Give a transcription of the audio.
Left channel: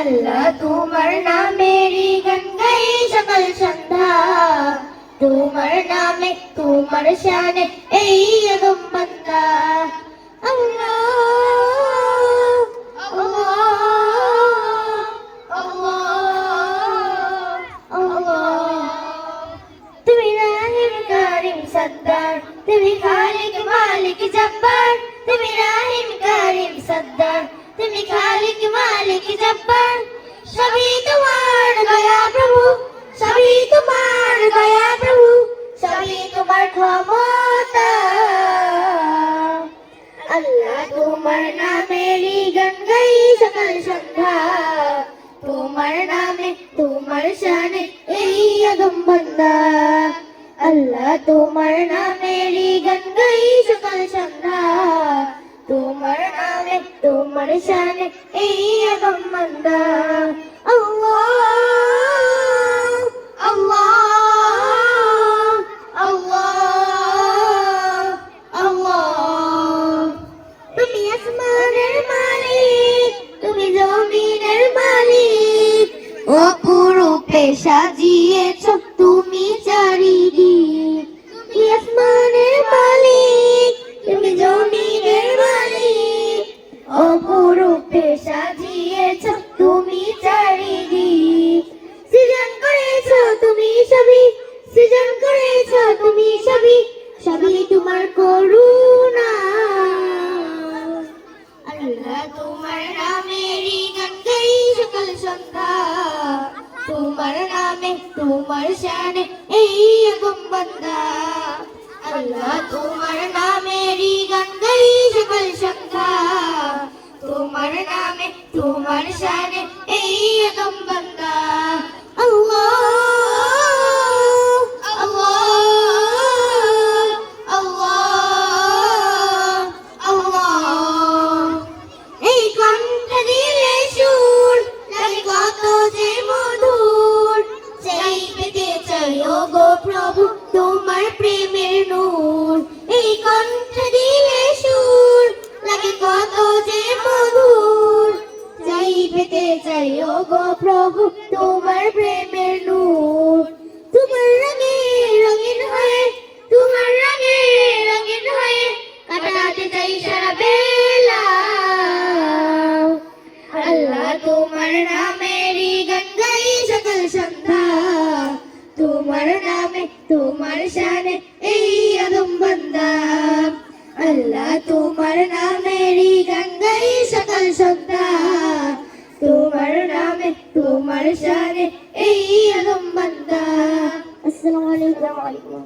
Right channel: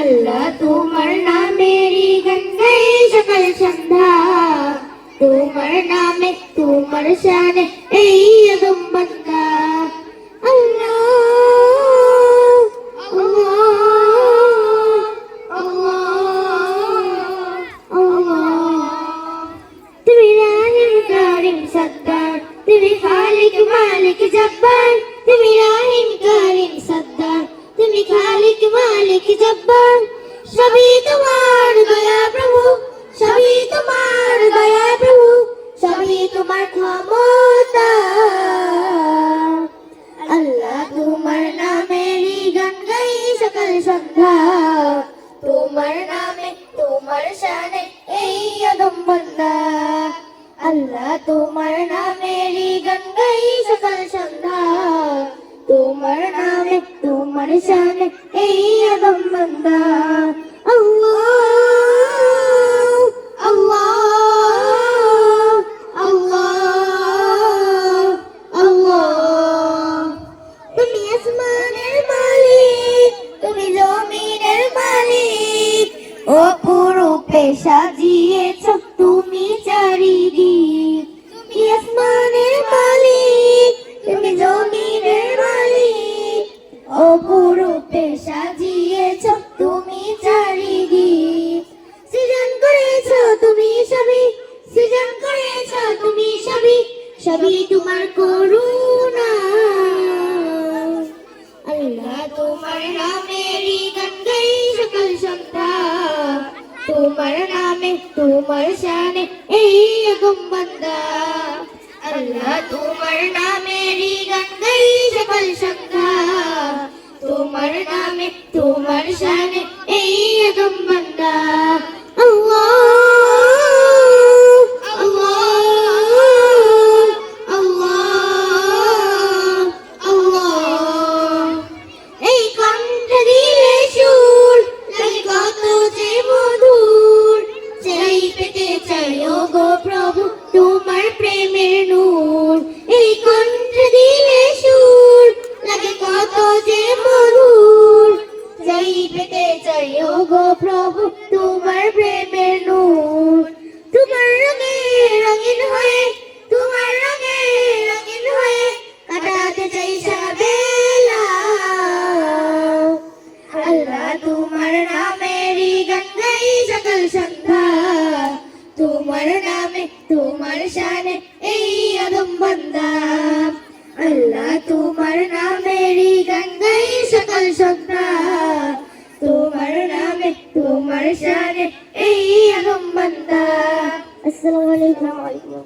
আল্লাহ তোমার নামেরই গান গাই সকাল সন্ধ্যা, তোমার নামে তোমার শানে এই আদম বান্দা। আল্লাহ তুমি রাহিম কারিম সত্তার, তুমি খালিক মালিক জব্বার, তুমি রাহিম কারিম সত্তার, তুমি খালিক মালিক জব্বার। সবই তোমার দয়া প্রভু, সবই তোমার দয়া প্রভু, সবই তোমার ক্ষমতা। আল্লাহ তোমার নামেরই গান গাই সকাল সন্ধ্যা, তোমার নামে তোমার শানে এই আদম বান্দা। আল্লাহ তোমার নামেরই গান গাই সকাল সন্ধ্যা, তোমার নামে তোমার শানে এই আদম বান্দা। আল্লাহ আল্লাহ আল্লাহ আল্লাহ। তুমি আসমানের মালিক, তুমি জমিনের মালিক, অপরূপে সাজিয়েছ তুমি চারিদিক। তুমি আসমানের মালিক, তুমি জমিনের মালিক, অপরূপে সাজিয়েছ তুমি চারিদিক। সৃজন করেছ তুমি সবই, সৃজন করেছ তুমি সবই, সবই তোমার করুণা। আল্লাহ তোমার নামেরই গান গাই সকাল সন্ধ্যা, তোমার নামে তোমার শানে এই আদম বান্দা। আল্লাহ তোমার নামেরই গান গাই সকাল সন্ধ্যা, তোমার নামে তোমার শানে এই আদম বান্দা। আল্লাহ আল্লাহ আল্লাহ আল্লাহ। এই কণ্ঠে দিলে সুর লাগে কত যে মধুর, চাই পেতে চাই ওগো প্রভু তোমার প্রেমের নূর। এই কণ্ঠে দিলে সুর লাগে কত যে মধুর, চাই পেতে চাই ওগো প্রভু তোমার প্রেমের নূর। তোমার রঙে রঙিন হয়ে, তোমার রঙে রঙিন হয়ে কাটাতে চাই সারা বেলা। আল্লাহ তোমার নামেরই গান গাই সকাল সন্ধ্যা, তোমার নামে তোমার শানে এই আদম বান্দা। আল্লাহ তোমার নামেরই গান গাই সকাল সন্ধ্যা, তোমার নামে তোমার শানে এই আদম বান্দা। আসসালামু আলাইকুম।